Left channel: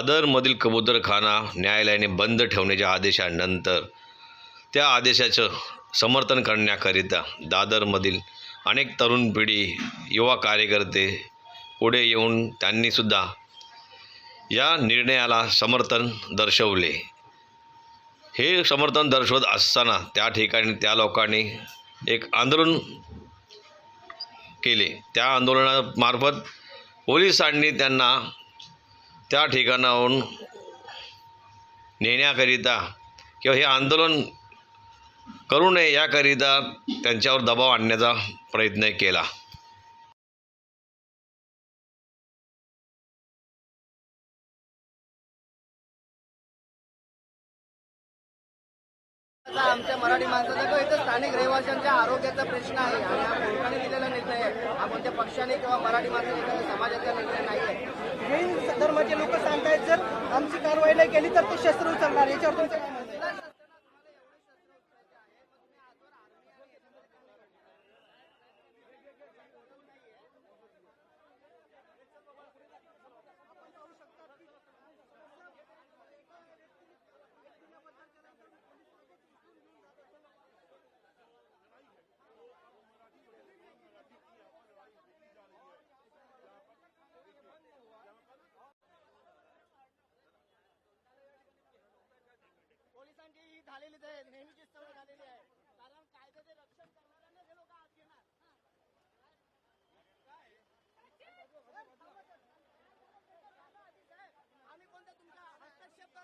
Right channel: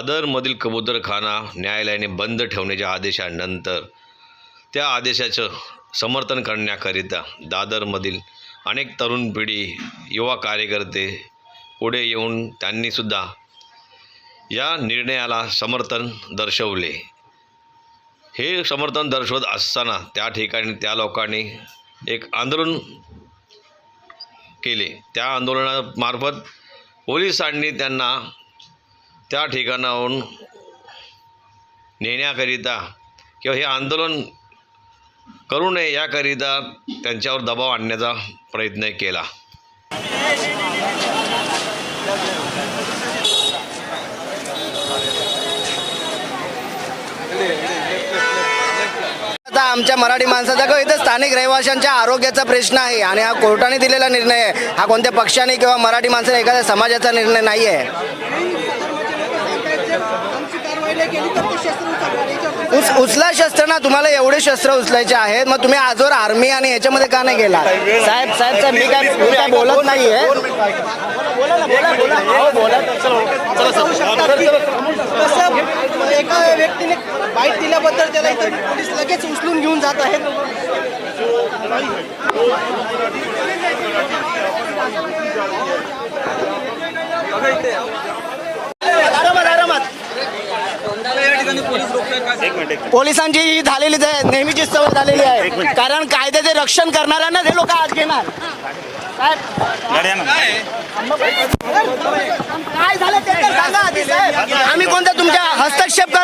दादरमधील कबूतरखाना न्यायालयाने बंद ठेवण्याच्या आदेशानंतर त्या आदेशाचं समर्थन करण्याकरिता दादरमधील अनेक तरुण पिढी युवा कार्यकर्ते पुढे येऊन त्यांनीसुद्धा या निर्णयाला समर्थन दर्शवले. हे समर्थन दर्शवत असताना त्या ठिकाणी त्या लोकांनी एक आंदोलन केले. त्या आंदोलनामार्फत पोलिसांनी त्यांना त्या ठिकाणाहून नेण्याकरिता किंवा हे आंदोलन करू नये याकरिता त्यांच्यावर दबाव आणण्याचा प्रयत्न केला. आता आमच्या मराठी माणसाचा किंवा इथं स्थानिक रहिवाशांच्या आरोग्याचा प्रश्न आहे आणि हा कोर्टाने दिलेला निर्णय आहे. हा कोणत्या पक्षाने किंवा मराठी माणसाने एखाद्या समाजाचा निर्णय नाही आहे उच उचला शस्त्र ना तुम्हाला एवढे शस्त्र उचलायचे आहेत. मग तुम्ही आजवर आर्मी आणि याच्यामध्ये का नाही गेला? साहेब साहेब साहेब मी काय मी काय बोलत नाहीये. एका व्यक्तीने बाईट दिल्याबद्दल त्याला इथं पोलीस लगेच उचलून घेऊन जात आहेत आरामात पोलिसांची ही झालेलीच आहे नेहमीची सवय झालेली आहे. कारण कायद्याचे रक्षण करणाऱ्यांना हे लोक आज घेणार. काय झालं ते सांगा आम्ही कोणत्या तुमच्या हस्तक्षेप